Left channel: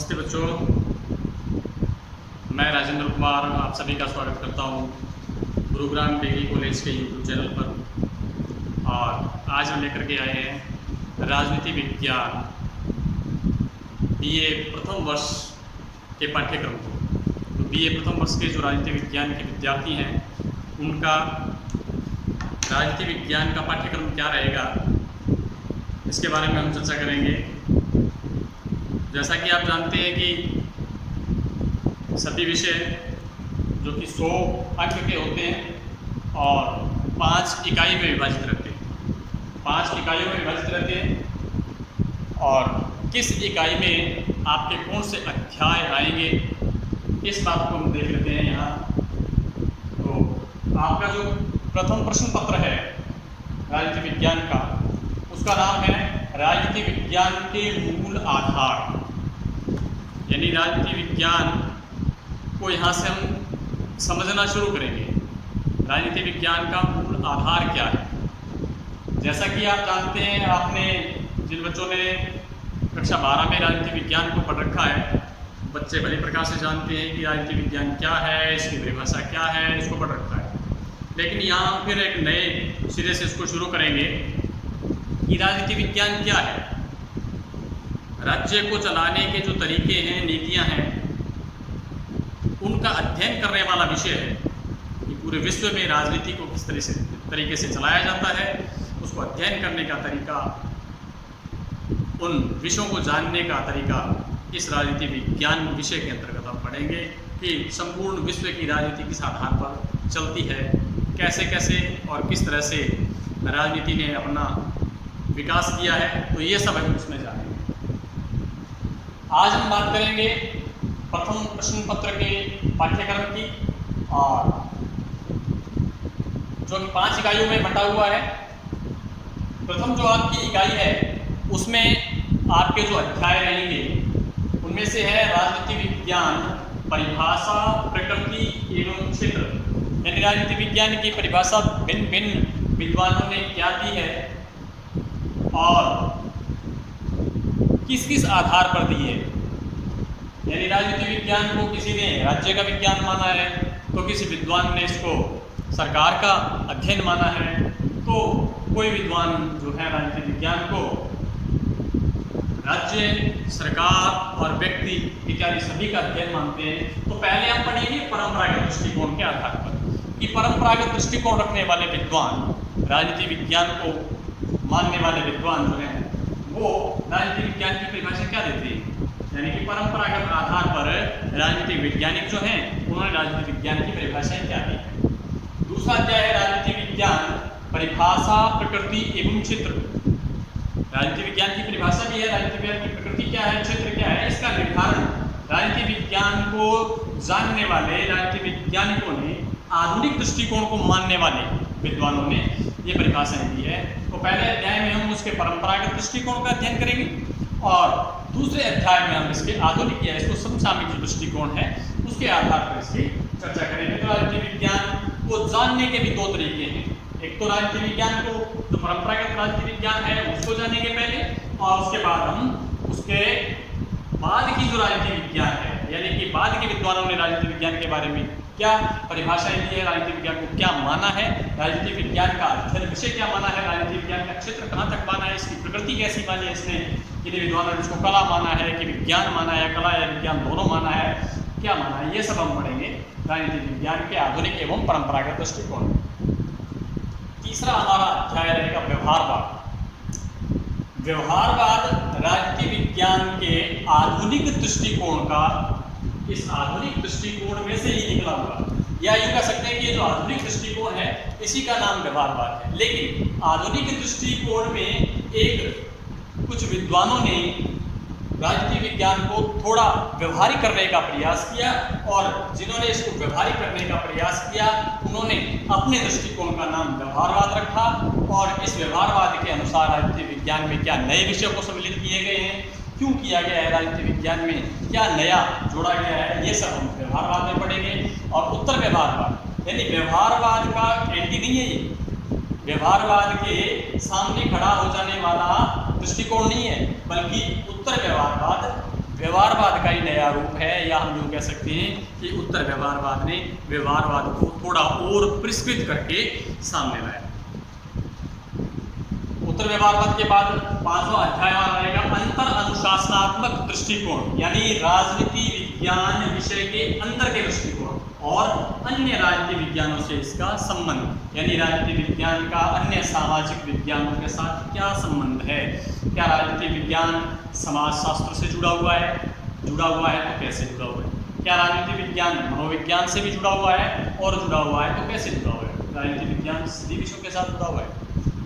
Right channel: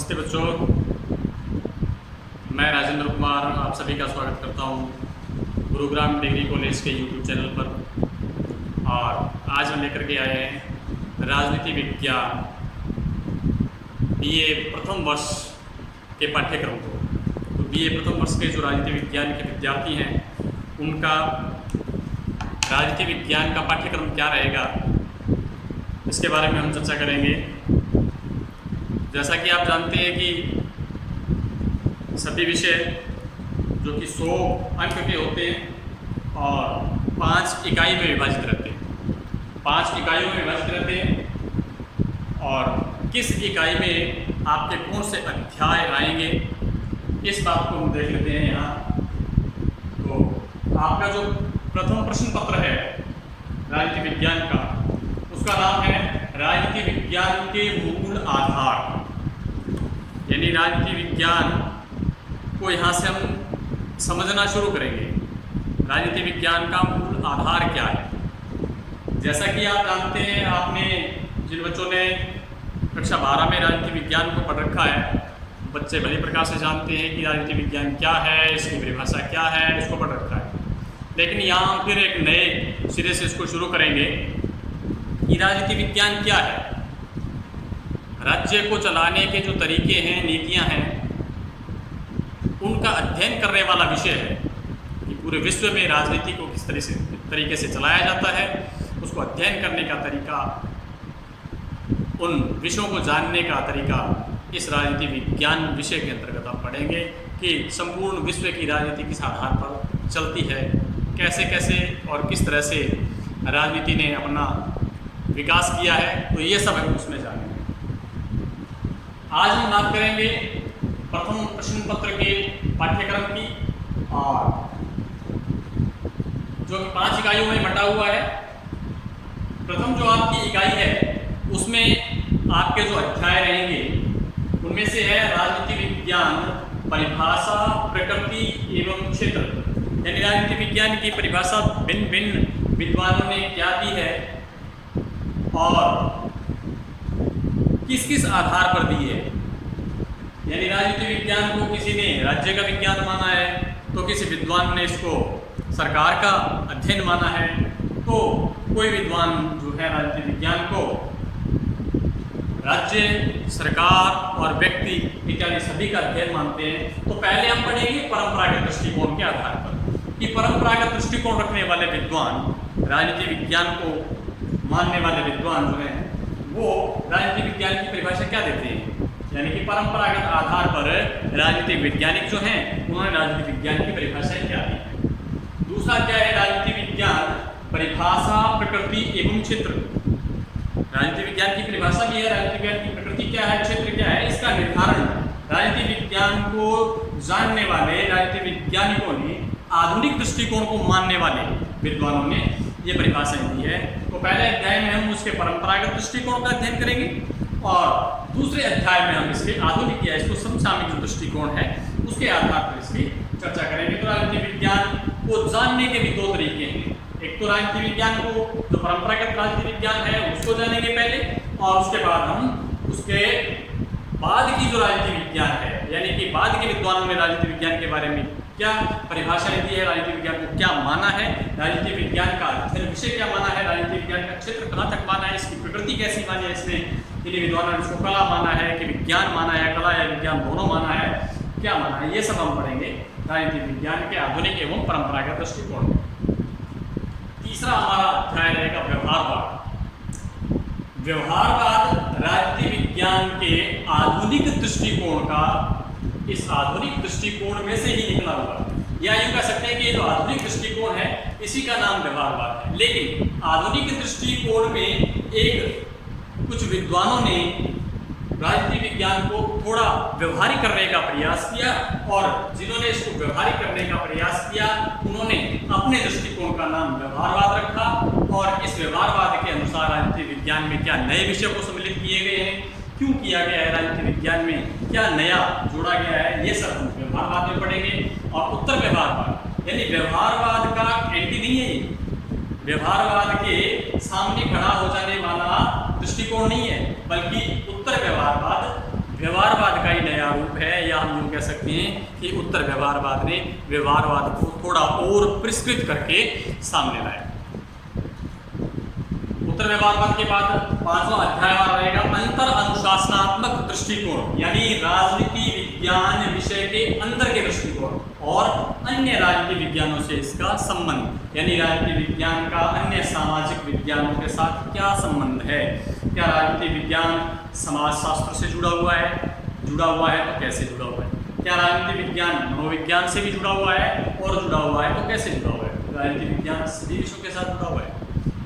नमस्ते बच्चों, मैं राजेंद्र कुमार आप सभी का स्वागत करता हूं गुरुग्राम डिग्री कॉलेज के यूट्यूब चैनल पर। और आज हम लेकर के आए हैं राजनीति विज्ञान बीए प्रथम वर्ष के पाठ्यक्रम को। तो बीए प्रथम वर्ष के जो राजनीति विज्ञान के विद्यार्थी हैं उनका राजनीति विज्ञान का पाठ्यक्रम क्या रहेगा, इसके बारे में हम चर्चा करेंगे। जैसा कि आप जानते हैं कि सभी विषय जो कि 100 अंक के होते हैं और 5 इकाई में विभाजित रहते हैं, 5 इकाइयों में विभाजित रहते हैं। और किस इकाई में आपके कौन से अध्याय आएंगे इस बात को हम देख लेते हैं यहाँ। तो आपका जो प्रथम प्रश्न पत्र है राजनीति विज्ञान का, उसका नाम है राजनीति विज्ञान के मूल आधार। यानी राजनीति विज्ञान को यहाँ से हम समझना शुरू करेंगे। राजनीति विज्ञान का मूल आधार क्या है। जैसा कि आप जानते हैं, आपने जिन बच्चों ने कक्षा 12 में राजनीति विज्ञान को पढ़ रखा है, बच्चे भली प्रकार से जानते हैं कि राजनीति विज्ञान क्या है, इसकी परिभाषा क्या है, इसको पढ़ रखा है। लेकिन यहाँ हम फिर एक नए सिरे से इसको शुरू करेंगे कि राजनीति विज्ञान क्या है। राज्य को चलाने के जो तरीके हैं, नीतियां हैं, उनका अध्ययन करने वाला विषय है कि पूरे विश्व में राजनीति को किस तरीके से चलाया जाता है, उसको अध्ययन करने का तरीका, उन विषयों को जानने का तरीका इस राजनीति विज्ञान विषय के अंतर्गत हम पढ़ेंगे कि संपूर्ण विश्व की राजनीति किस आधार पर चलती है, कैसे कैसे और किस तरह से राजनीति ने अपना विकास किया है। तो ये सब हम उसमें जानेंगे। आज हम बात करेंगे प्रथम प्रश्न पत्र के पाठ्यक्रम की, और जो 5 इकाइयों में बटा हुआ है। प्रथम जो आपकी इकाई है उसमें आपके जो अध्याय रहेंगे उनमें से है राजनीति विज्ञान, परिभाषा, प्रकृति एवं क्षेत्र। यानी राजनीति विज्ञान की परिभाषा भिन्न भिन्न विद्वानों ने क्या दी है और किस किस आधार पर दी है। यानी राजनीति विज्ञान को किसी ने राज्य का विज्ञान माना है, तो किसी विद्वान ने इसको सरकार का अध्ययन माना है, तो कोई विद्वान जो है राजनीति विज्ञान को राज्य, सरकार और व्यक्ति इत्यादि सभी का अध्ययन मानते हैं। तो पहले हम पढ़ेंगे परंपरागत दृष्टिकोण के आधार पर कि परंपरागत दृष्टिकोण रखने वाले विद्वान, राजनीति विज्ञान को मानने वाले विद्वान जो हैं वो राजनीति विज्ञान की परिभाषा क्या देते हैं। यानी कि परंपरागत आधार पर राजनीतिक वैज्ञानिक जो हैं उन्होंने राजनीति विज्ञान की परिभाषाएं क्या दी है। दूसरा अध्याय है राजनीति विज्ञान, परिभाषा, प्रकृति एवं क्षेत्र। राजनीति विज्ञान की परिभाषा भी है, राजनीति विज्ञान की प्रकृति क्या है, क्षेत्र क्या है, इसका निर्धारण राजनीति विज्ञान को जानने वाले राजनीति वैज्ञानिकों ने, आधुनिक दृष्टिकोण को मानने वाले विद्वानों ने ये परिभाषाएं दी है। तो पहले अध्याय में हम उसके परंपरागत दृष्टिकोण का अध्ययन करेंगे और दूसरे अध्याय में हम इसके आधुनिक या इसको समसामयिक जो दृष्टिकोण है उसके आधार पर इसकी चर्चा करेंगे। तो राजनीति विज्ञान को जानने के भी 2 तरीके हैं। एक तो राजनीति विज्ञान को, जो परंपरागत राजनीति विज्ञान है, उसको जानेंगे पहले, और उसके बाद हम उसके बाद की जो राजनीति विज्ञान है, यानी कि बाद के विद्वानों ने राजनीति विज्ञान के बारे में क्या परिभाषाएं दी है, राजनीति विज्ञान को क्या माना है, राजनीति विज्ञान का अध्ययन विषय क्या माना है, राजनीति विज्ञान का क्षेत्र कहाँ तक माना है, इसकी प्रकृति कैसी मानी है, इसने किन विद्वानों ने इसको कला माना है कि विज्ञान माना है, कला या विज्ञान दोनों माना है, क्या माना है, ये सब हम पढ़ेंगे राजनीति विज्ञान के आधुनिक एवं परंपरागत दृष्टिकोण। तीसरा हमारा अध्याय रहेगा व्यवहारवाद। व्यवहारवाद राजनीति विज्ञान के आधुनिक दृष्टिकोण का, इस आधुनिक दृष्टिकोण में से ही निकला हुआ, या यूं कह सकते हैं कि ये जो आधुनिक दृष्टिकोण है इसी का नाम व्यवहारवाद है। लेकिन आधुनिक दृष्टिकोण में एक कुछ विद्वानों ने राजनीति विज्ञान को थोड़ा व्यवहारिक करने का प्रयास किया, और जिन्होंने इसको व्यवहारिक करने का प्रयास किया उन्होंने अपने दृष्टिकोण का नाम व्यवहारवाद रखा। और इस व्यवहारवाद के अनुसार राजनीति विज्ञान में क्या नए विषय को सम्मिलित किए गए हैं, क्यों किया गया है, राजनीति विज्ञान में क्या नया जोड़ा गया है, ये सब हम व्यवहारवाद में पढ़ेंगे। और उत्तर व्यवहारवाद, यानी व्यवहारवाद का एंटी नहीं है, व्यवहारवाद के सामने खड़ा हो जाने वाला दृष्टिकोण नहीं है, बल्कि उत्तर व्यवहारवाद व्यवहारवाद का ही नया रूप है, या हम यूँ कह सकते हैं कि उत्तर व्यवहारवाद ने व्यवहारवाद को थोड़ा और परिष्कृत करके सामने लाया। उत्तर व्यवहारवाद के बाद 5वां अध्याय हमारा रहेगा अंतर अनुशासनात्मक दृष्टिकोण, यानी राजनीति विज्ञान विषय के अंदर के दृष्टिकोण और अन्य राजनीति विज्ञानों से इसका संबंध, यानी राजनीति विज्ञान का अन्य सामाजिक विज्ञानों के साथ क्या संबंध है। क्या राजनीति विज्ञान समाजशास्त्र से जुड़ा हुआ है? जुड़ा हुआ है तो कैसे जुड़ा हुआ है? क्या राजनीति विज्ञान मनोविज्ञान से भी जुड़ा हुआ है, और जुड़ा हुआ है तो कैसे जुड़ा हुआ है? राजनीति विज्ञान सभी विषयों के साथ जुड़ा हुआ है,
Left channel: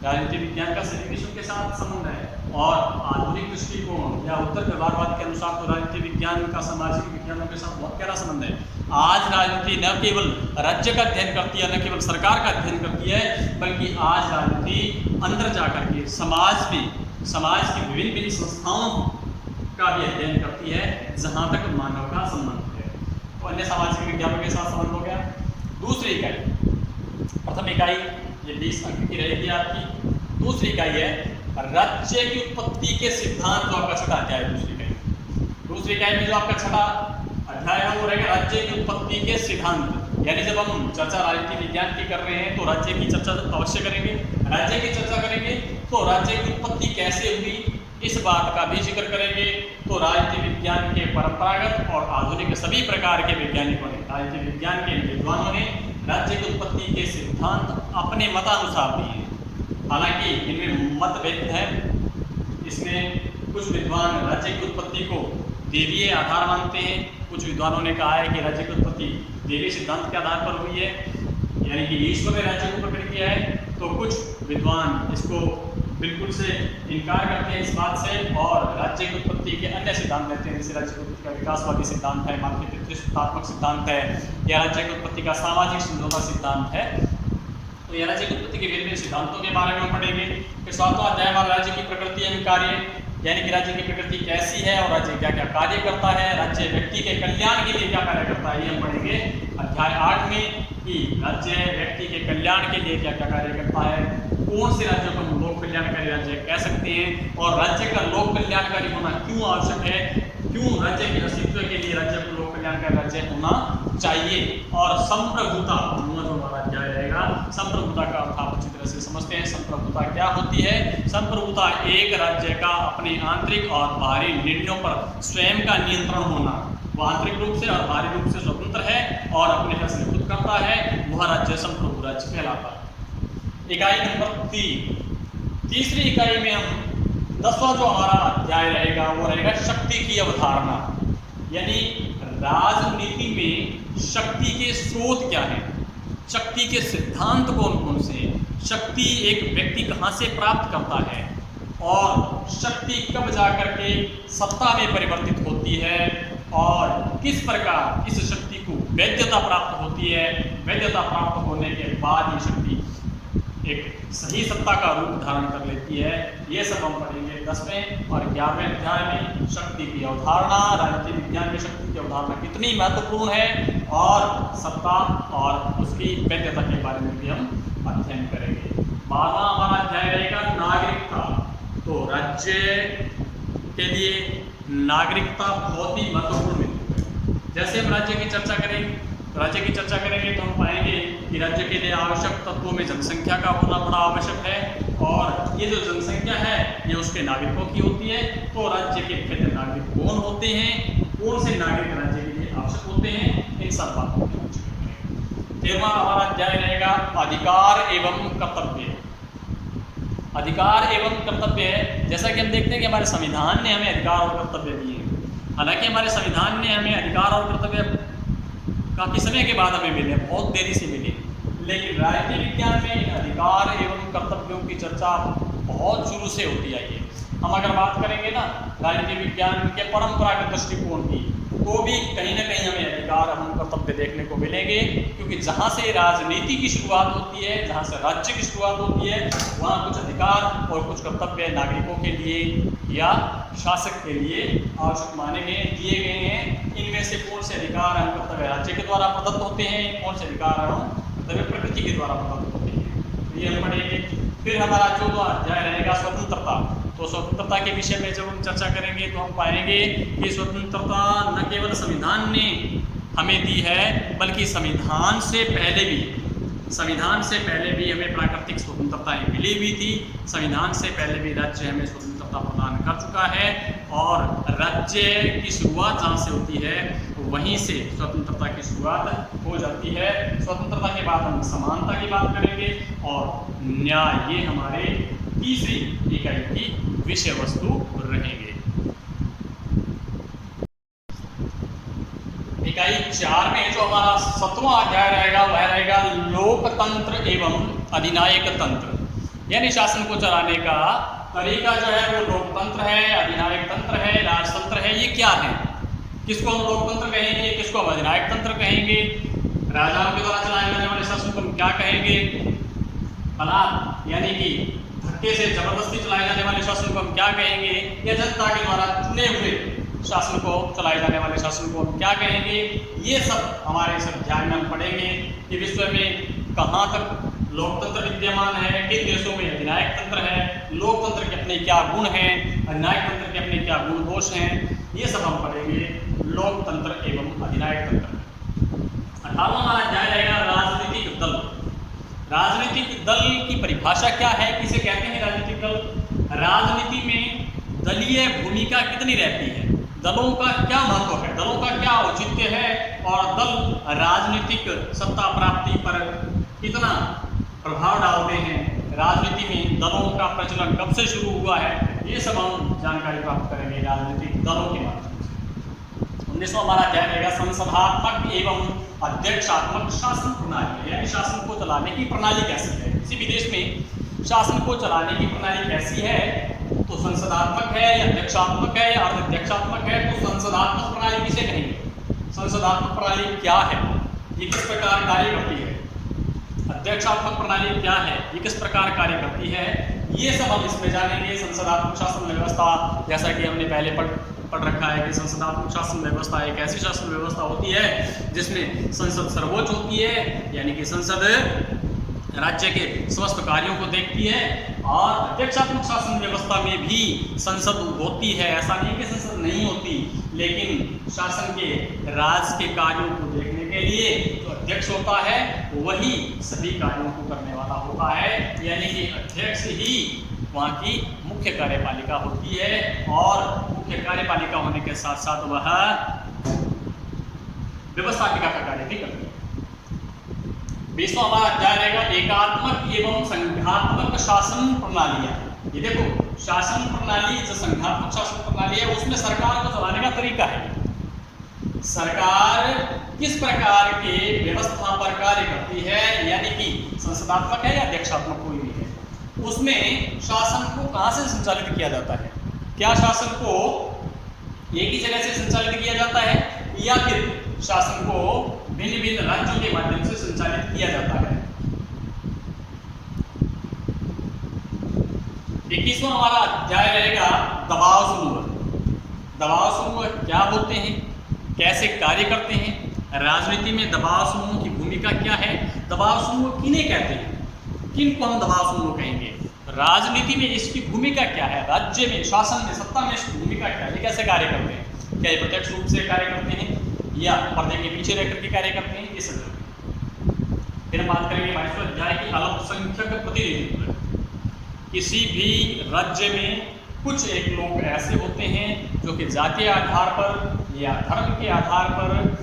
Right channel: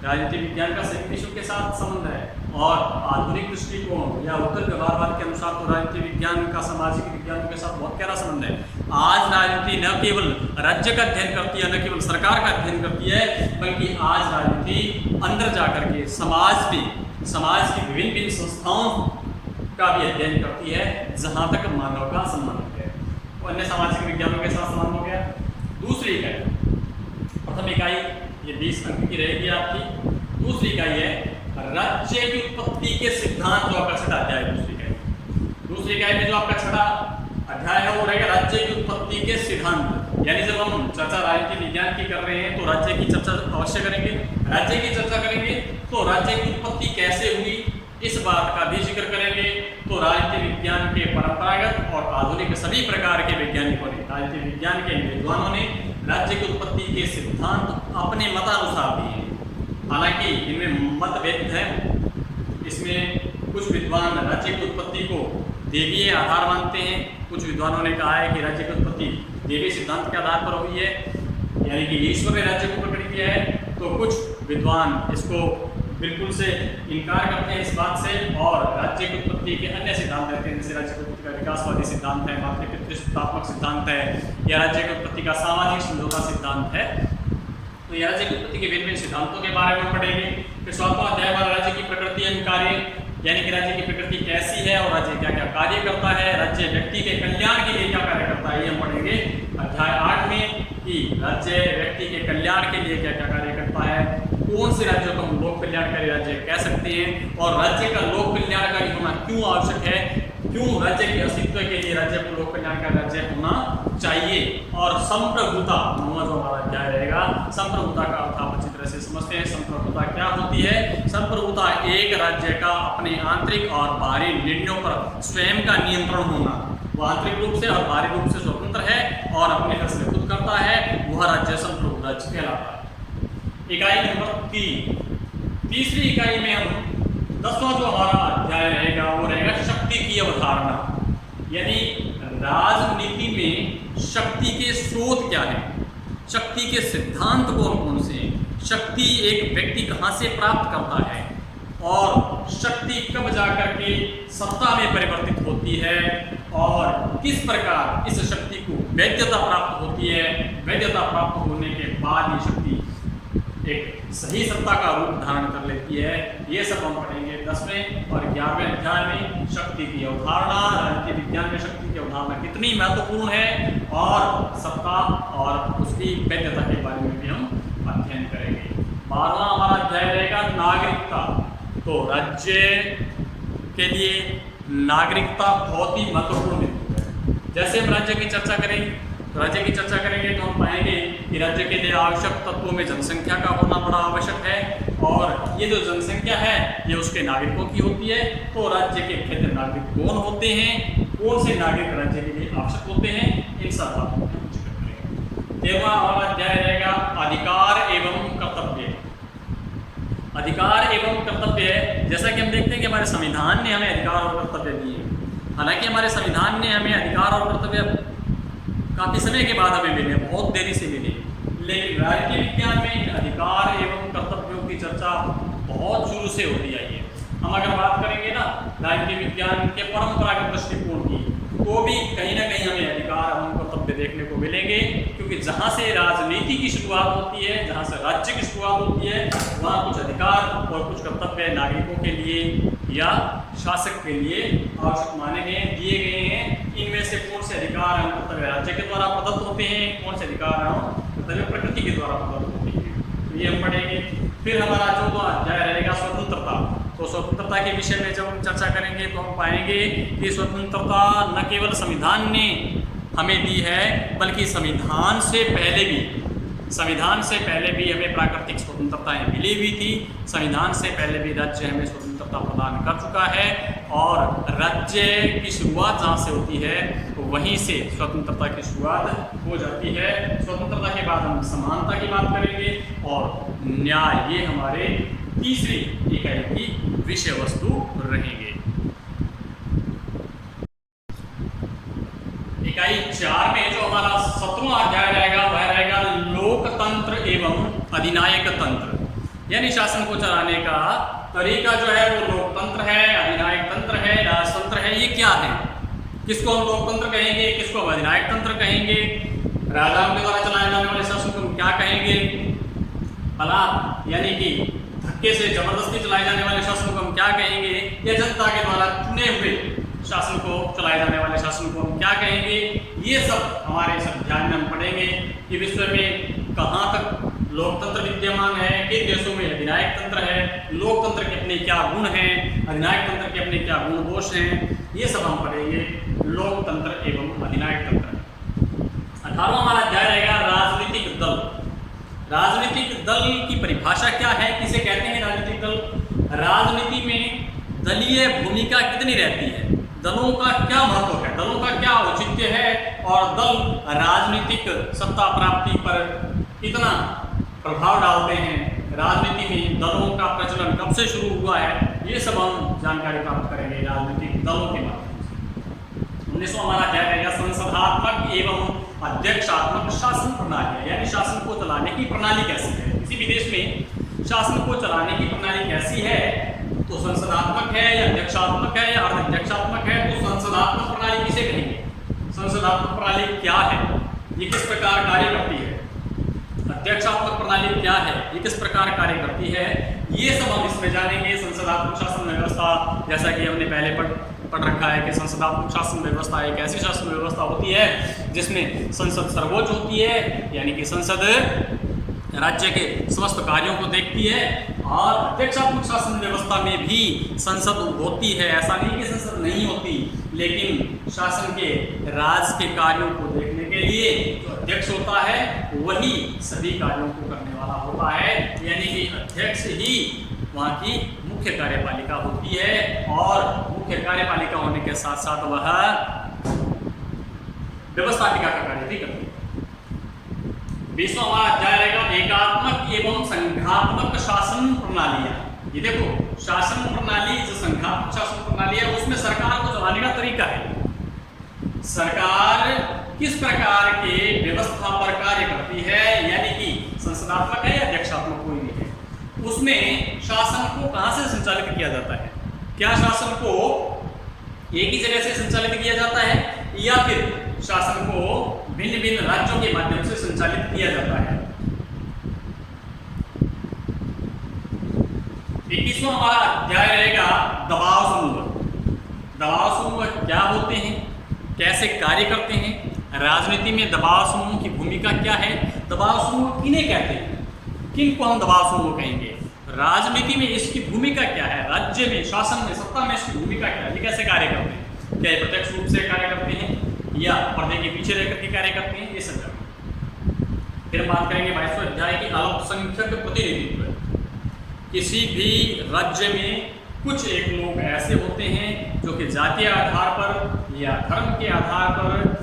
राजनीति विज्ञान का सभी विषयों के साथ संबंध है। और आधुनिक दृष्टिकोण या उत्तर व्यवहारवाद के अनुसार तो राजनीति विज्ञान का सामाजिक विज्ञानों के साथ बहुत गहरा संबंध है। आज राजनीति न केवल राज्य का अध्ययन करती है, न केवल सरकार का अध्ययन करती है, बल्कि आज राजनीति अंदर जाकर के समाज की विभिन्न संस्थाओं का भी अध्ययन करती है, जहाँ तक मानव का संबंध है। तो अन्य सामाजिक विज्ञानों के साथ संबंध हो गया। दूसरी इकाई, प्रथम इकाई ये 20 अंक की रहेगी आपकी। दूसरी इकाई है राज्य की उत्पत्ति के सिद्धांत, जो आपका छठा अध्याय है। दूसरी इकाई में जो आपका छठा अध्याय है वो रहेगा राज्य की उत्पत्ति के सिद्धांत, यानी जब हम चर्चा राजनीति विज्ञान की कर रहे हैं तो राज्य की चर्चा अवश्य करेंगे। राज्य की चर्चा करेंगे तो राज्य की उत्पत्ति कैसे हुई इस बात का भी जिक्र करेंगे। तो राजनीति विज्ञान के परंपरागत और आधुनिक सभी प्रकार के वैज्ञानिकों ने, राजनीति विज्ञान के विद्वानों ने राज्य की उत्पत्ति के सिद्धांत अपने मतानुसार दिए हैं। हालांकि इनमें मतभेद है। इसमें कुछ विद्वान राज्य की उत्पत्ति को देवीय आधार मानते हैं, कुछ विद्वानों ने कहा है कि राज्य की उत्पत्ति देवीय सिद्धांत के आधार पर हुई है, यानी कि ईश्वर ने राज्य को प्रकट किया है। तो कुछ विद्वान इसको बिल्कुल से इनकार करते हैं इस बात से, और राज्य की उत्पत्ति के अन्य सिद्धांत देते हैं, जैसे राज्य की उत्पत्ति का विकासवादी सिद्धांत है, मातृत्वात्मक सिद्धांत है, या राज्य की उत्पत्ति का सामाजिक समझौता सिद्धांत है। तो यह राज्य की उत्पत्ति के विभिन्न सिद्धांतों के बारे में पढ़ेंगे। फिर 7वां अध्याय हमारा राज्य की प्रकृति एवं कार्य, यानी कि राज्य की प्रकृति कैसी है और राज्य क्या क्या कार्य करता है, राज्य व्यक्ति के कल्याण के लिए क्या कार्य करता है, ये हम पढ़ेंगे अध्याय 8 में, कि राज्य व्यक्ति के कल्याण के लिए क्या क्या कार्य करता है, कौन से राज्यों को हम लोक कल्याणकारी राज्य कह सकते हैं, और राज्य का लोक कल्याणकारी होना क्यों आवश्यक है, क्यों राज्य के अस्तित्व के लिए राज्य को लोक कल्याणकारी राज्य होना चाहिए। और संप्रभुता, 9वां जो हमारा अध्याय रहेगा, संप्रभुता का अर्थ आप अच्छी तरह से समझते हैं। संप्रभुता क्या होती है? संप्रभुता एक राज्य का अपने आंतरिक और बाहरी निर्णयों पर स्वयं का नियंत्रण होना, वह आंतरिक रूप से और बाहरी रूप से स्वतंत्र है और अपने फैसले खुद करता है, वह राज्य संप्रभु राज्य कहलाता है। इकाई नंबर 3, तीसरी इकाई में हम 10वां जो हमारा अध्याय रहेगा वो रहेगा शक्ति की अवधारणा, यानी राजनीति में शक्ति के स्रोत क्या हैं, शक्ति के सिद्धांत कौन कौन से हैं, शक्ति एक व्यक्ति कहाँ से प्राप्त करता है, और शक्ति कब जाकर के सत्ता में परिवर्तित होती है, और किस प्रकार इस शक्ति को वैधता प्राप्त होती है। वैधता प्राप्त होने के बाद ये शक्ति एक सही सत्ता का रूप धारण कर लेती है। ये सब हम पढ़ेंगे 10वें और 11वें अध्याय में। शक्ति की अवधारणा, राजनीति विज्ञान में शक्ति की अवधारणा कितनी महत्वपूर्ण है, और सत्ता और उसकी वैधता के बारे में भी हम अध्ययन करेंगे। 12वां हमारा अध्याय रहेगा नागरिकता। तो राज्य के लिए नागरिकता बहुत ही महत्वपूर्ण बिंदु है। जैसे हम राज्य की चर्चा करेंगे तो हम पाएंगे कि राज्य के लिए आवश्यक तत्वों में जनसंख्या का होना बड़ा आवश्यक है, और ये जो जनसंख्या है ये उसके नागरिकों की होती है। तो राज्य के वैध नागरिक कौन होते हैं, कौन से नागरिक राज्य के लिए आवश्यक होते हैं, इन सब बातों को हम करेंगे। 13वां हमारा अध्याय रहेगा अधिकार एवं कर्तव्य। अधिकार एवं कर्तव्य है, जैसा कि हम देखते हैं कि हमारे संविधान ने हमें अधिकार और कर्तव्य दिए। हालांकि हमारे संविधान ने हमें अधिकार और कर्तव्य काफ़ी समय के बाद हमें मिले, बहुत देरी से मिले, लेकिन राजनीति विज्ञान में अधिकार एवं कर्तव्यों की चर्चा बहुत शुरू से होती आई है। हम अगर बात करेंगे ना राजनीति विज्ञान के परंपरागत दृष्टिकोण की, तो भी कहीं ना कहीं हमें अधिकार एवं कर्तव्य देखने को मिलेंगे, क्योंकि जहाँ से राजनीति की शुरुआत होती है, जहाँ से राज्य की शुरुआत होती है, वहाँ कुछ अधिकार और कुछ कर्तव्य नागरिकों के लिए या शासक के लिए आवश्यक माने गए, दिए गए हैं। इनमें से कौन से अधिकार एवं कर्तव्य राज्य के द्वारा प्रदत्त होते हैं, कौन से अधिकार एवं कर्तव्य प्रकृति के द्वारा प्रदत्त होते हैं, ये हम पढ़ेंगे। फिर हमारा 14वां अध्याय रहेगा स्वतंत्रता। तो स्वतंत्रता के विषय में जब हम चर्चा करेंगे तो हम पाएंगे कि स्वतंत्रता न केवल संविधान ने हमें दी है, बल्कि संविधान से पहले भी हमें प्राकृतिक स्वतंत्रताएं मिली हुई थी। संविधान से पहले भी राज्य हमें स्वतंत्रता प्रदान कर चुका है, और राज्य की शुरुआत जहाँ से होती है वहीं से स्वतंत्रता की शुरुआत हो जाती है। स्वतंत्रता के बाद हम समानता की बात करेंगे और न्याय, ये हमारे तीसरी इकाई की विषय वस्तु रहेंगे। इकाई 4 में जो हमारा 7वां अध्याय रहेगा वह रहेगा लोकतंत्र एवं अधिनायक तंत्र, यानी शासन को चलाने का तरीका जो है वो लोकतंत्र है, अधिनायक तंत्र है, राजतंत्र है। ये क्या है, किसको हम लोकतंत्र कहेंगे, किसको हम अधिनायक तंत्र कहेंगे, राजाओं के द्वारा चलाए जाने वाले शासन को हम क्या कहेंगे, बलात् यानी कि धक्के से जबरदस्ती चलाए जाने वाले शासन को हम क्या कहेंगे, या जनता के द्वारा चुने हुए शासन को चलाए जाने वाले शासन को हम क्या कहेंगे। ये सब हमारे इस अध्याय में हम पढ़ेंगे कि विश्व में कहाँ तक लोकतंत्र विद्यमान है, किन देशों में अधिनायक तंत्र है, लोकतंत्र के अपने क्या गुण हैं, अधिनायक तंत्र के अपने क्या गुण दोष हैं, ये सब हम पढ़ेंगे लोकतंत्र एवं अधिनायक तंत्र। 18वां हमारा अध्याय रहेगा राजनीतिक दल। राजनीतिक दल की परिभाषा क्या है, किसे कहते हैं राजनीतिक दल। राजनीति में दलीय भूमिका कितनी रहती है, दलों का क्या महत्व है, दलों का क्या औचित्य है, और दल राजनीतिक सत्ता प्राप्ति पर कितना प्रभाव डालते हैं, राजनीति में दलों का प्रचलन कब से शुरू हुआ है, ये सब हम जानकारी प्राप्त करेंगे राजनीतिक दलों के माध्यम से। 19वां हमारा अध्याय रहेगा संसदात्मक एवं अध्यक्षात्मक शासन प्रणाली, यानी शासन को चलाने की प्रणाली कैसी है। किसी भी देश में शासन को चलाने की प्रणाली कैसी है, तो संसदात्मक है या अध्यक्षात्मक है या अर्धअध्यक्षात्मक है, तो संसदात्मक प्रणाली किसे कहेंगे, संसदात्मक प्रणाली क्या है, ये किस प्रकार कार्य करती है, अध्यक्षात्मक प्रणाली क्या है, ये किस प्रकार कार्य करती है, ये सब हम इसमें जानेंगे। संसदात्मक शासन व्यवस्था, जैसा कि हमने पहले पढ़ रखा है कि संसदात्मक शासन व्यवस्था एक ऐसी शासन व्यवस्था होती है जिसमें संसद सर्वोच्च होती है, यानी कि संसद राज्य के समस्त कार्यों को देखती है, और अध्यक्षात्मक शासन व्यवस्था में भी संसद होती है। ऐसा नहीं कि संसद नहीं होती, लेकिन शासन के राज के कार्यों को देखने के लिए जो अध्यक्ष होता है वही सभी कार्यों को करने वाला होता है, यानी कि अध्यक्ष ही वहाँ की मुख्य कार्यपालिका होती है, और मुख्य कार्यपालिका होने के साथ साथ वह व्यवस्थापिका का कार्य भी करती है। 20वां हमारा अध्याय रहेगा एकात्मक एवं संघात्मक शासन प्रणालियां। ये देखो, शासन प्रणाली जो संघात्मक शासन प्रणाली है उसमें सरकार को चलाने का तरीका है, सरकार किस प्रकार के व्यवस्था पर कार्य करती है, यानी कि संसदात्मक है या अध्यक्षात्मक कोई भी है, उसमें शासन को कहाँ से संचालित किया जाता है, क्या शासन को एक ही जगह से संचालित किया जाता है या फिर शासन को भिन्न भिन्न राज्यों के माध्यम से संचालित किया जाता है। 21वां हमारा अध्याय रहेगा दबाव समूह। दबाव समूह क्या होते हैं, कैसे कार्य करते हैं, राजनीति में दबाव समूह की भूमिका क्या है, दबाव समूह किन्हें कहते हैं, किन को हम दबाव समूह कहेंगे, राजनीति में इसकी भूमिका क्या है, राज्य में शासन में सत्ता में इसकी भूमिका क्या है, ये कैसे कार्य करते हैं, क्या प्रत्यक्ष रूप से कार्य करते हैं या पर्दे के पीछे रहकर के कार्य करते हैं, ये सब। फिर हम बात करेंगे 22वें अध्याय की अल्पसंख्यक प्रतिनिधित्व। किसी भी राज्य में कुछ एक लोग ऐसे होते हैं जो कि जातीय आधार पर या धर्म के आधार पर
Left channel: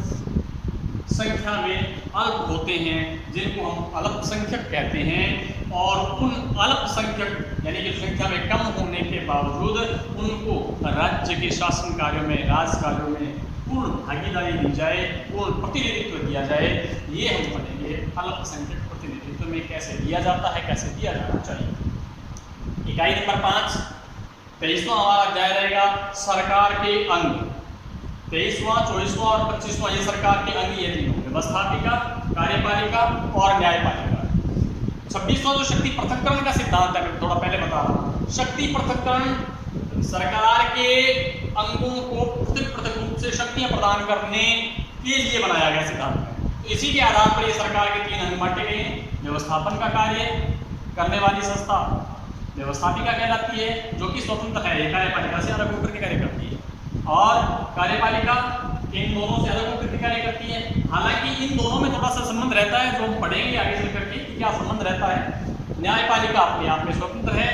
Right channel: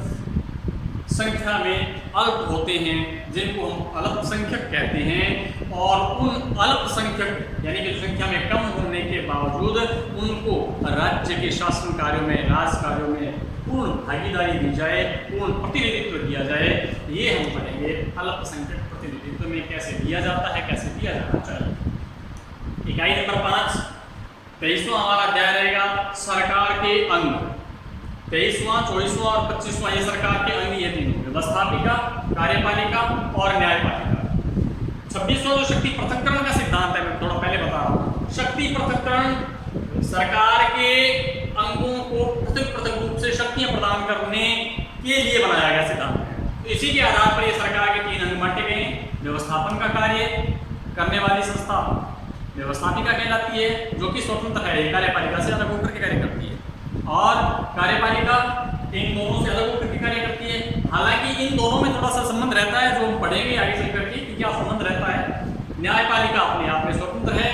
संख्या में अल्प होते हैं, जिनको हम अल्पसंख्यक कहते हैं, और उन अल्पसंख्यक यानी कि संख्या में कम होने के बावजूद उनको राज्य के शासन कार्यों में, राज कार्यों में पूर्ण भागीदारी दी जाए, पूर्ण प्रतिनिधित्व दिया जाए, ये हम पढ़ेंगे अल्पसंख्यक प्रतिनिधित्व में कैसे दिया जाता है, कैसे दिया जाना चाहिए। इकाई नंबर 5 23वां हमारा अध्याय रहेगा सरकार के अंग। 23वां, 24वां और 25वां ये सरकार के अंग, ये तीनों व्यवस्थापिका, कार्यपालिका और न्यायपालिका। 26वां जो शक्ति पृथक्करण का सिद्धांत है, मैं थोड़ा पहले बता रहा हूँ, शक्ति पृथक्करण सरकार के अंगों को पृथक पृथक रूप से शक्तियां प्रदान करने के लिए बनाया गया सिद्धांत है। तो इसी के आधार पर ये सरकार के 3 अंग बांटे गए हैं, व्यवस्थापन का कार्य करने वाली संस्था, व्यवस्थापिका कहलाती है, जो कि स्वतंत्र है, ये कार्यपालिका से अलग होकर के कार्य करती है। और कार्यपालिका इन दोनों से अलग होकर के कार्य करती है। हालांकि इन दोनों में थोड़ा सा संबंध रहता है, जो हम पढ़ेंगे आगे चल करके कि क्या संबंध रहता है। न्यायपालिका अपने आप में स्वतंत्र है,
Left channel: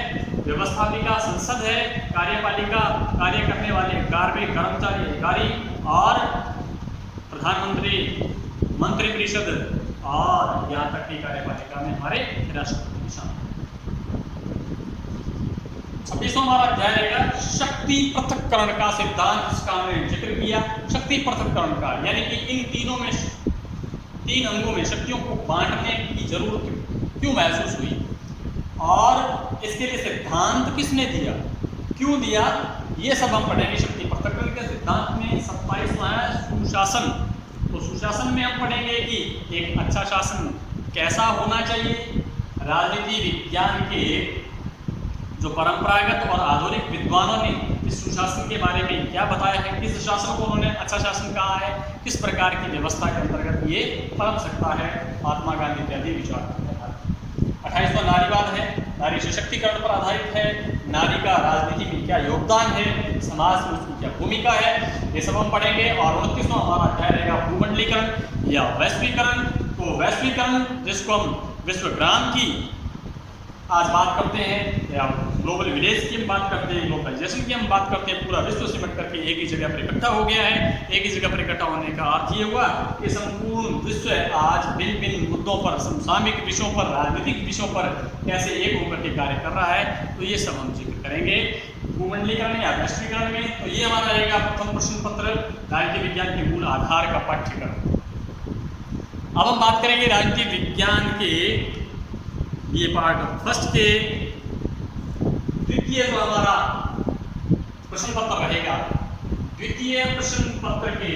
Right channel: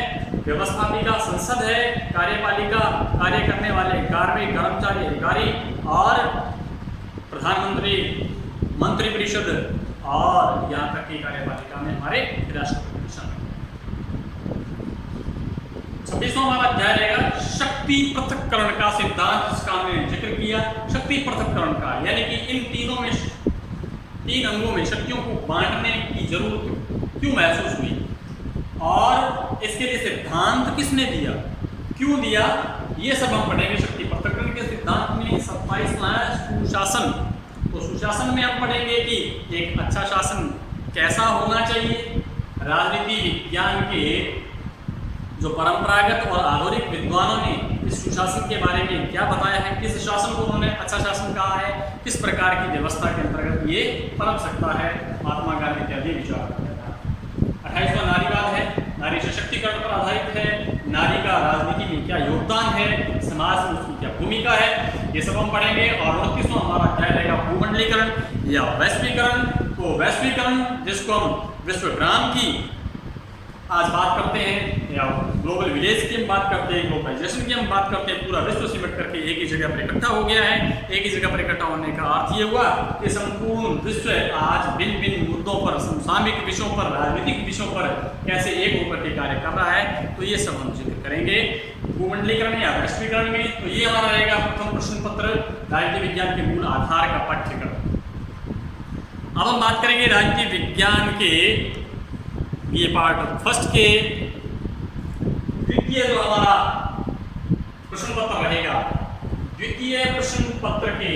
व्यवस्थापिका संसद है, कार्यपालिका कार्य करने वाले कार्मिक कर्मचारी अधिकारी, और प्रधानमंत्री मंत्रिपरिषद, और यहाँ तक कि कार्यपालिका में हमारे राष्ट्रपति शामिल। 26वां हमारा अध्याय रहेगा शक्ति पृथक्करण का सिद्धांत, जिसका हमने जिक्र किया। शक्ति पृथक्करण का यानी कि इन तीन अंगों में शक्तियों को बांटने की जरूरत क्यों महसूस हुई, और इसके लिए सिद्धांत किसने दिया, क्यों दिया, ये सब हम पढ़ेंगे। शक्ति पृथक्करण के सिद्धांत में 27वां है सुशासन। तो सुशासन में हम पढ़ेंगे कि एक अच्छा शासन कैसा होना चाहिए। राजनीति विज्ञान के जो परंपरागत और आधुनिक विद्वानों ने इस सुशासन के बारे में क्या बताया है, किस शासन को उन्होंने अच्छा शासन कहा है, किस प्रकार की व्यवस्था के अंतर्गत ये पनप सकता है, महात्मा गांधी इत्यादि विचार करता है। 28वां नारीवाद है, नारी सशक्तिकरण पर आधारित है। नारी का राजनीति में क्या योगदान है, समाज में उसकी क्या भूमिका है, ये सब हम पढ़ेंगे। और 29वां हमारा अध्याय रहेगा भूमंडलीकरण या वैश्वीकरण। तो वैश्वीकरण, जिसको हम विश्वग्राम की आज बात करते हैं, या ग्लोबल विलेज की हम बात करते हैं, ग्लोबलाइजेशन की हम बात करते हैं, पूरा विश्व सिमट करके एक ही जगह पर इकट्ठा हो गया है। एक ही जगह पर इकट्ठा होने का अर्थ ये हुआ कि संपूर्ण विश्व आज भिन्न भिन्न मुद्दों पर, समसामयिक विषयों पर, राजनीतिक विषयों पर कैसे एक होकर के कार्य कर रहा है, तो ये सब हम जिक्र करेंगे भूमंडलीकरण या वैश्वीकरण में। तो ये हमारा रहेगा प्रथम प्रश्न पत्र, राजनीति विज्ञान के मूल आधार का पाठ्यक्रम। अब हम बात करेंगे राजनीति विज्ञान के ये पार्ट फर्स्ट के द्वितीय जो हमारा प्रश्न पत्र रहेगा, द्वितीय प्रश्न पत्र के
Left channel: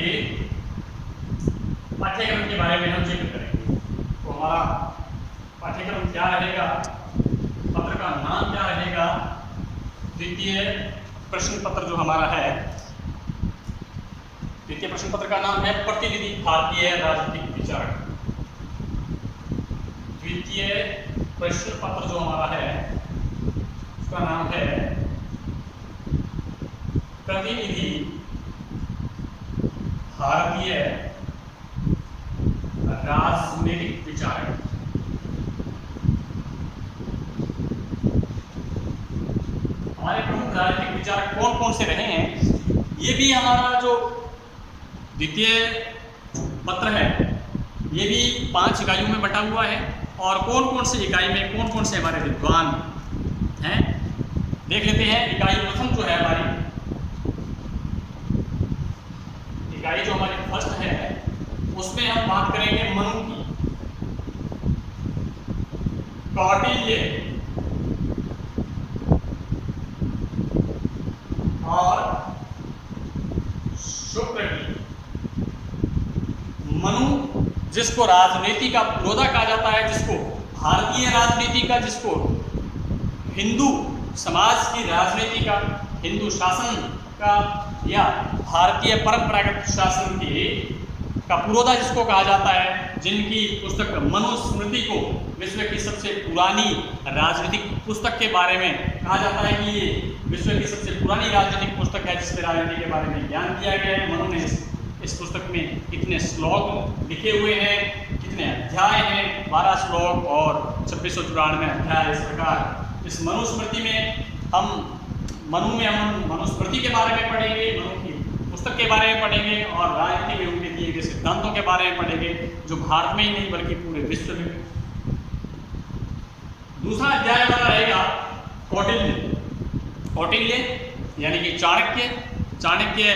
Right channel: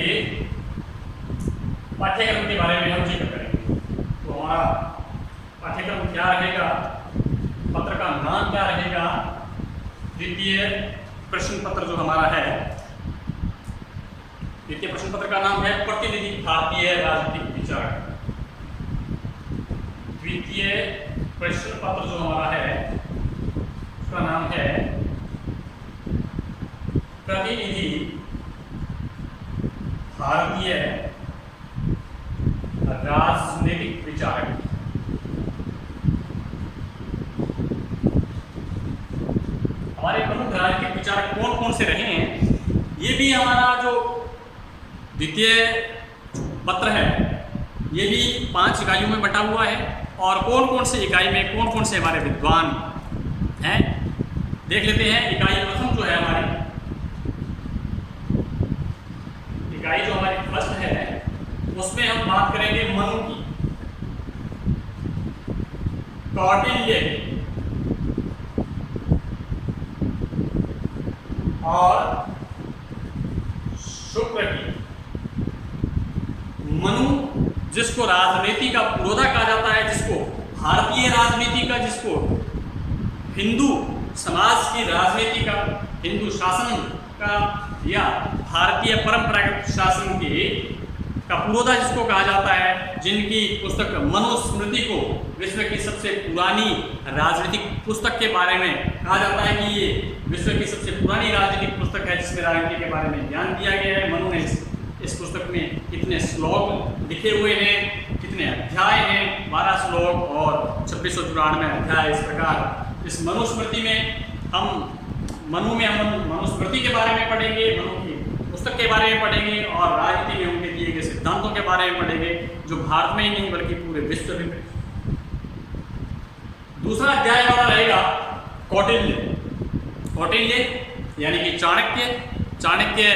पाठ्यक्रम के बारे में हम जिक्र करेंगे। तो हमारा पाठ्यक्रम क्या रहेगा, पत्र का नाम क्या रहेगा, द्वितीय प्रश्न पत्र जो हमारा है, द्वितीय प्रश्न पत्र का नाम है प्रतिनिधि भारतीय राजनीतिक विचार। द्वितीय प्रश्न पत्र जो हमारा है उसका नाम है प्रतिनिधि भारतीय राजनीतिक विचारक। हमारे प्रमुख राजनीतिक विचारक कौन कौन से रहे हैं, ये भी हमारा जो द्वितीय पत्र है ये भी 5 इकाइयों में बटा हुआ है। और कौन कौन से इकाई में कौन कौन से हमारे विद्वान हैं देख लेते हैं। इकाई प्रथम जो है हमारी, इकाई जो हमारी फर्स्ट है, उसमें हम बात करेंगे मनु की, कौटिल्य और शुक्र की। मनु जिसको राजनीति का पुरोधा कहा जाता है, जिसको भारतीय राजनीति का, जिसको हिंदू समाज की राजनीति का, हिंदू शासन का या भारतीय परंपरागत शासन के का पुरोधा जिसको कहा जाता है, जिनकी पुस्तक मनुस्मृति को विश्व की सबसे पुरानी राजनीतिक पुस्तक के बारे में कहा जाता है कि ये विश्व की सबसे पुरानी राजनीतिक पुस्तक है, जिसमें राजनीति के बारे में ज्ञान दिया गया है। मनु ने इस पुस्तक में कितने श्लोक लिखे हुए हैं, कितने अध्याय हैं, 12 श्लोक और 2694 अध्याय। इस प्रकार इस मनुस्मृति में हम मनुस्मृति के बारे में पढ़ेंगे, मनु की पुस्तक के बारे में पढ़ेंगे और राजनीति में उनके दिए गए सिद्धांतों के बारे में पढ़ेंगे, जो भारत में ही नहीं बल्कि पूरे विश्व में। दूसरा अध्याय हमारा रहेगा कौटिल्य। कौटिल्य यानी कि चाणक्य। चाणक्य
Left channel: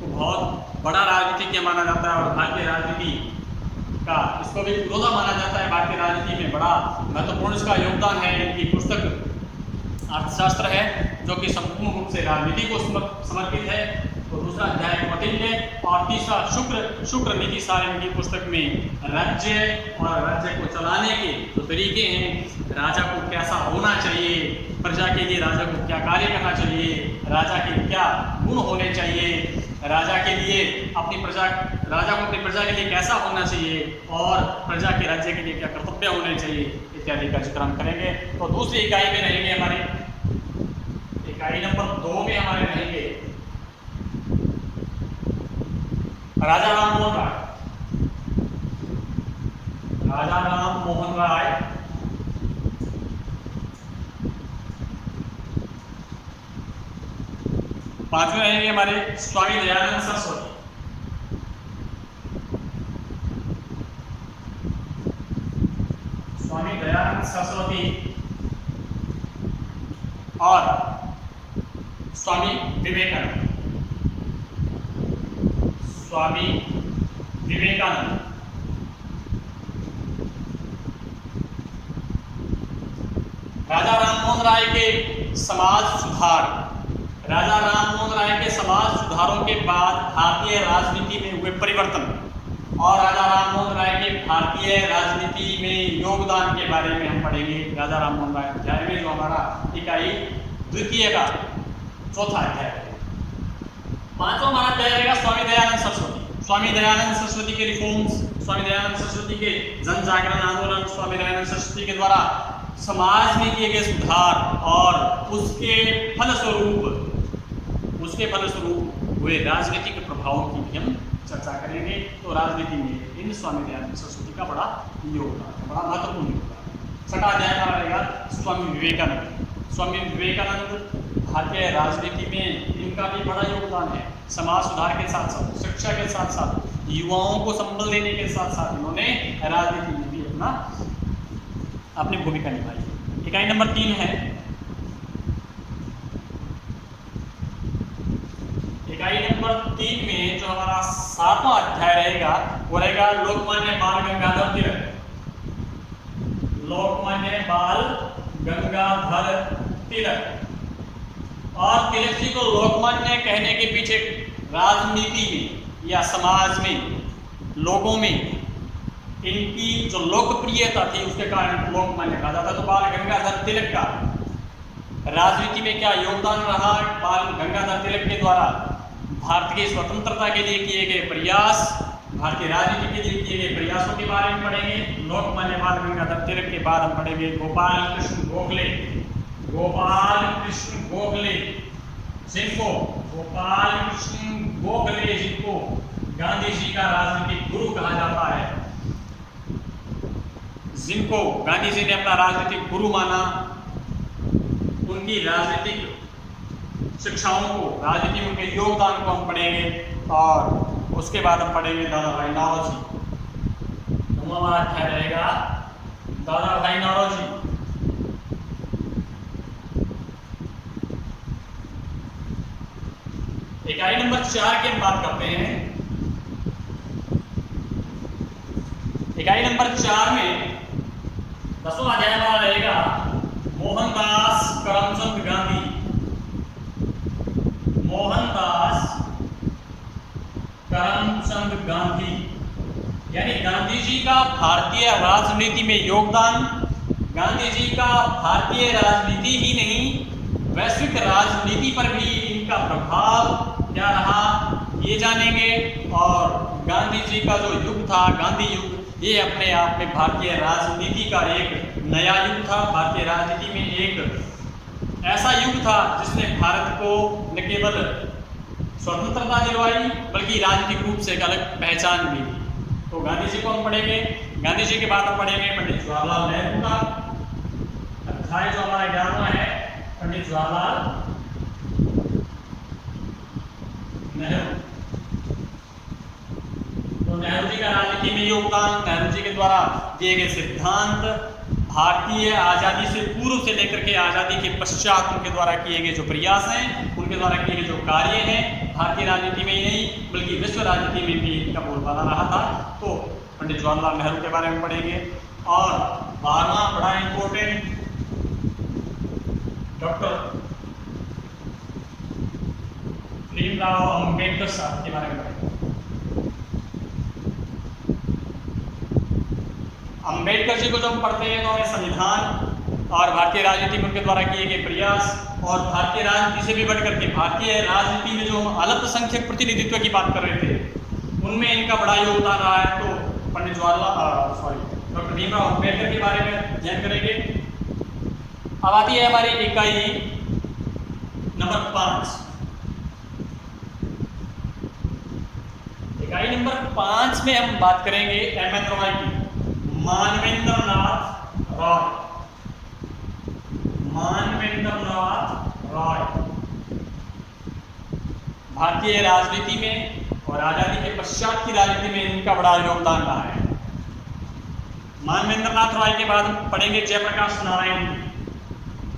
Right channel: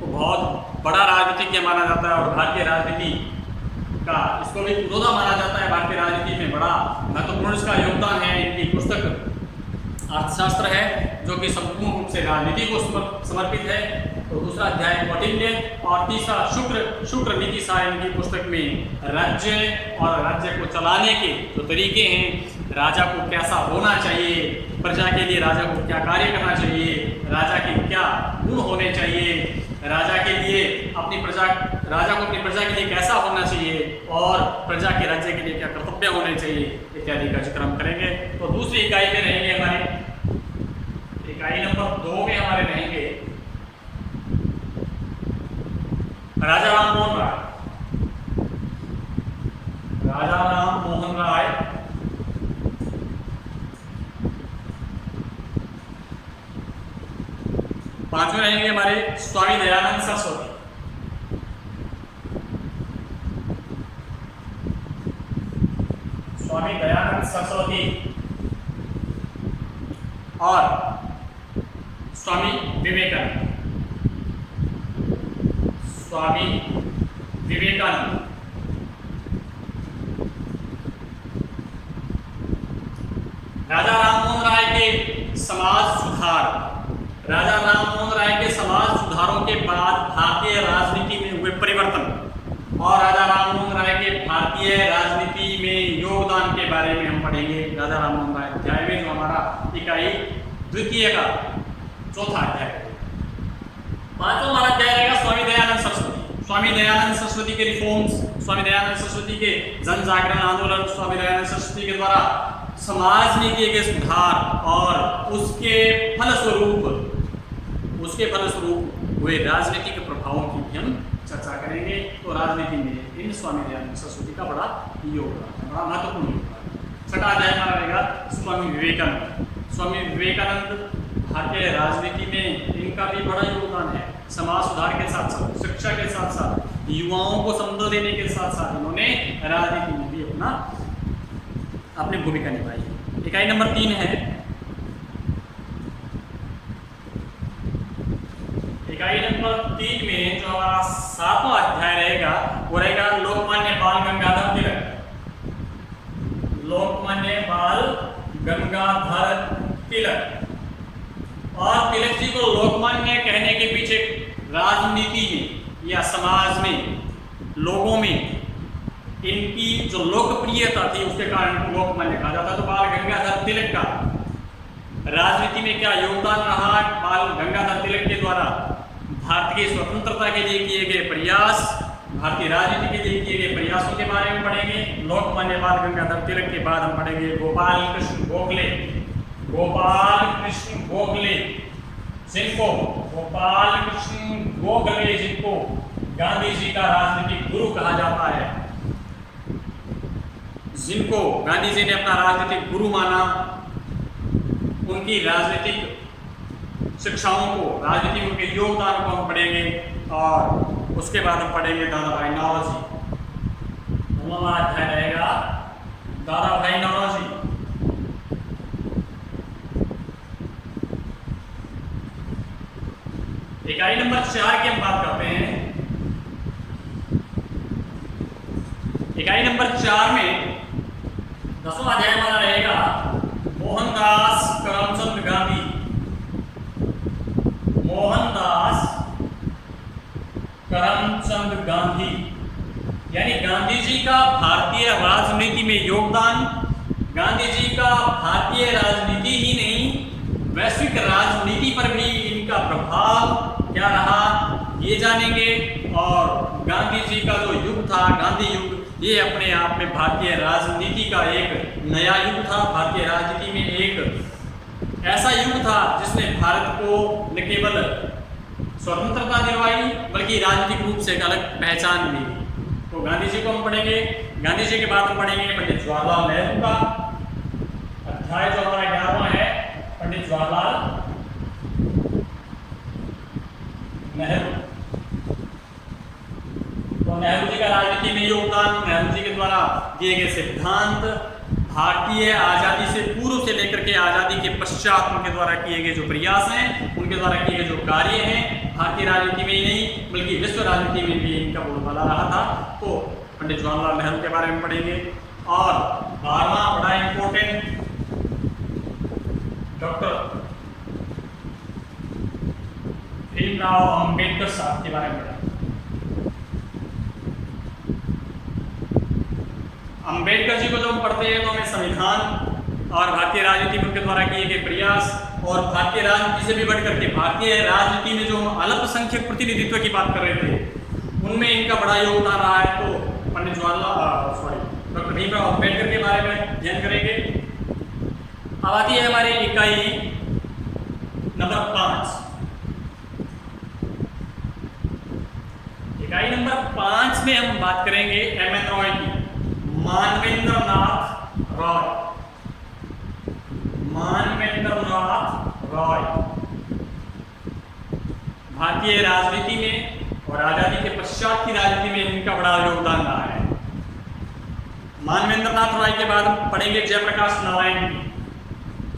को बहुत बड़ा राजनीतिज्ञ माना जाता है और भारतीय राजनीति का इसको भी पुरोधा माना जाता है। भारतीय राजनीति में बड़ा महत्वपूर्ण इसका योगदान है। इनकी पुस्तक अर्थशास्त्र है, जो कि संपूर्ण रूप से राजनीति को समर्पित है। तो दूसरा अध्याय कौटिल्य और तीसरा शुक्र नीति सार। इनकी पुस्तक में राज्य और राज्य को चलाने के जो तरीके हैं, राजा को कैसा होना चाहिए, प्रजा के लिए राजा को क्या कार्य करना चाहिए, राजा के क्या गुण होने चाहिए, राजा को अपनी प्रजा के लिए कैसा होना चाहिए और प्रजा के राज्य के लिए क्या कर्तव्य होने चाहिए इत्यादि का जिक्र हम करेंगे। तो दूसरी इकाई में रहेंगे हमारे इकाई नंबर 2 में हमारे रहेंगे राजा राम मोहन राय। राजा राम मोहन राय, पांचवें रहेंगे हमारे स्वामी दयानंद सरस्वती। स्वामी दयानंद सरस्वती और स्वामी विवेकानंद। स्वामी विवेकानंद। राजा राममोहन राय के समाज सुधार। राजा राममोहन राय के समाज सुधारों के बाद भारतीय राजनीति में हुए परिवर्तन और राजा राममोहन राय के भारतीय राजनीति में योगदान के बारे में हम पढ़ेंगे। राजा राममोहन राय अध्याय में जो हमारा इकाई द्वितीय का चौथा अध्याय। पांचवा हमारा अध्याय रहेगा स्वामी दयानंद सरस्वती। स्वामी दयानंद सरस्वती के रिफॉर्म्स, स्वामी दयानंद सरस्वती के जन जागरण आंदोलन, स्वामी दयानंद सरस्वती के द्वारा समाज में किए गए सुधार और उसके फलस्वरूप हुए राजनीतिक प्रभावों की भी हम चर्चा करेंगे। तो राजनीति में इन स्वामी दयानंद सरस्वती का बड़ा योगदान है, बड़ा महत्वपूर्ण योगदान है। छठा अध्याय हमारा रहेगा स्वामी विवेकानंद। स्वामी विवेकानंद भारतीय राजनीति में इनका भी बड़ा योगदान है। समाज सुधार के साथ साथ, शिक्षा के साथ साथ, युवाओं को संबल देने के साथ साथ इन्होंने राजनीति में भी अपनी भूमिका निभाई। इकाई नंबर 3 है, इकाई नंबर 3 में जो हमारा 7वां अध्याय रहेगा वो रहेगा लोकमान्य बाल गंगाधर तिलक। लोकमान्य बाल गंगाधर तिलक। और तिलक जी को लोकमान्य कहने के पीछे राजनीति में या समाज में, लोगों में इनकी जो लोकप्रियता थी उसके कारण लोकमान्य कहा जाता। तो बाल गंगाधर तिलक का राजनीति में क्या योगदान रहा, बाल गंगाधर तिलक के द्वारा भारतीय स्वतंत्रता के लिए किए गए प्रयास, भारतीय राजनीति के लिए किए गए प्रयासों के बारे में पढ़ेंगे। लोकमान्य बाल गंगाधर तिलक के बाद हम पढ़ेंगे गोपाल कृष्ण गोखले। गोपाल कृष्ण गोखले जिनको गांधी जी का राजनीतिक गुरु कहा जाता है, जिनको गांधी जी ने अपना राजनीतिक गुरु माना, उनकी राजनीतिक शिक्षाओं को, राजनीति में उनके योगदान को हम पढ़ेंगे। और उसके बाद हम पढ़ेंगे दादा भाई नौरोजी। हमारा अध्याय रहेगा दादा भाई नौरोजी। इकाई नंबर 4 की हम बात करते हैं। इकाई नंबर 4 में 10वां अध्याय हमारा रहेगा मोहनदास करमचंद गांधी। मोहनदास करमचंद गांधी यानी गांधी जी का भारतीय राजनीति में योगदान, गांधी जी का भारतीय राजनीति ही नहीं वैश्विक राजनीति पर भी इनका प्रभाव क्या रहा ये जानेंगे। और गांधी जी का जो युग था, गांधी युग, ये अपने आप में भारतीय राजनीति का एक नया युग था। भारतीय राजनीति में एक ऐसा युग था जिसने भारत को न केवल स्वतंत्रता दिलवाई बल्कि राजनीतिक रूप से एक अलग पहचान भी दी। तो गांधी जी को हम पढ़ेंगे। गांधी जी के बाद हम पढ़ेंगे पंडित जवाहरलाल नेहरू का। अध्याय जो हमारा 11वां है पंडित जवाहरलाल नेहरू। तो नेहरू जी का राजनीति में योगदान, नेहरू जी के द्वारा दिए गए सिद्धांत, भारतीय आज़ादी से पूर्व से लेकर के आज़ादी के पश्चात उनके द्वारा किए गए जो प्रयास हैं, उनके द्वारा किए गए जो कार्य हैं, भारतीय राजनीति में ही नहीं बल्कि विश्व राजनीति में भी इनका बोलबाला रहा था। तो पंडित जवाहरलाल नेहरू के बारे में पढ़ेंगे। और 12वां बड़ा इंपॉर्टेंट डॉक्टर भीमराव अंबेडकर साहब के बारे में पढ़ेंगे। अंबेडकर जी को जब हम पढ़ते हैं तो हमें संविधान और भारतीय राजनीति में उनके द्वारा किए गए प्रयास और भारतीय राजनीति से भी बढ़कर के भारतीय राजनीति में जो हम अल्पसंख्यक प्रतिनिधित्व की बात कर रहे थे उनमें इनका बड़ा योगदान रहा है। तो पंडित डॉक्टर भीमराव अंबेडकर के बारे में ध्यान करेंगे। अब आती है हमारी इकाई नंबर 5, इकाई नंबर 5 में हम बात करेंगे एम.एन. रॉय की। मानवेंद्र नाथ रॉय, मानवेंद्र नाथ रॉय भारतीय राजनीति में और आजादी के पश्चात की राजनीति में इनका बड़ा योगदान रहा है। मानवेंद्र नाथ रॉय के बाद हम पढ़ेंगे जयप्रकाश नारायण की,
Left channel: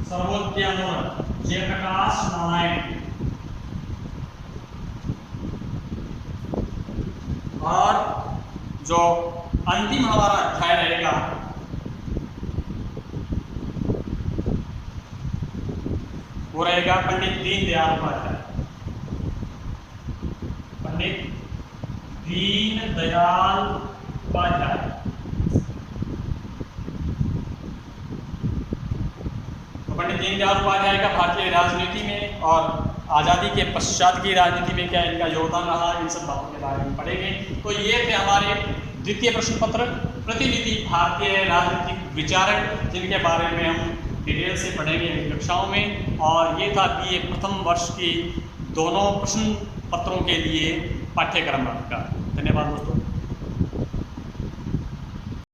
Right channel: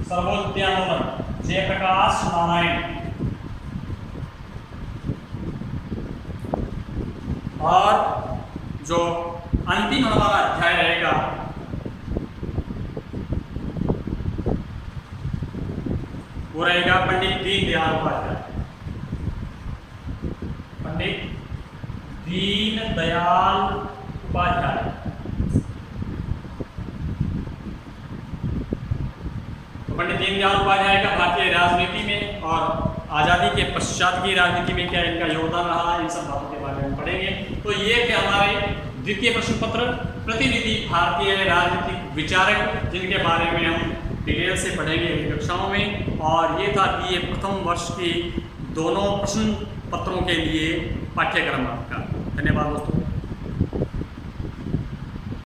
सर्वोदयानोदन जयप्रकाश नारायण। और जो अंतिम हमारा अध्याय रहेगा वो रहेगा पंडित दीनदयाल उपाध्याय, पंडित दीनदयाल उपाध्याय। तो पंडित दीनदयाल उपाध्याय का भारतीय राजनीति में और आज़ादी के पश्चात की राजनीति में क्या इनका योगदान रहा, इन सब बातों के बारे में पढ़ेंगे। तो ये थे हमारे द्वितीय प्रश्न पत्र, प्रतिनिधि भारतीय राजनीतिक विचारक, जिनके बारे में हम डिटेल से पढ़ेंगे अगली कक्षाओं में। और ये था BA प्रथम वर्ष की दोनों प्रश्न पत्रों के लिए पाठ्यक्रम का। धन्यवाद दोस्तों।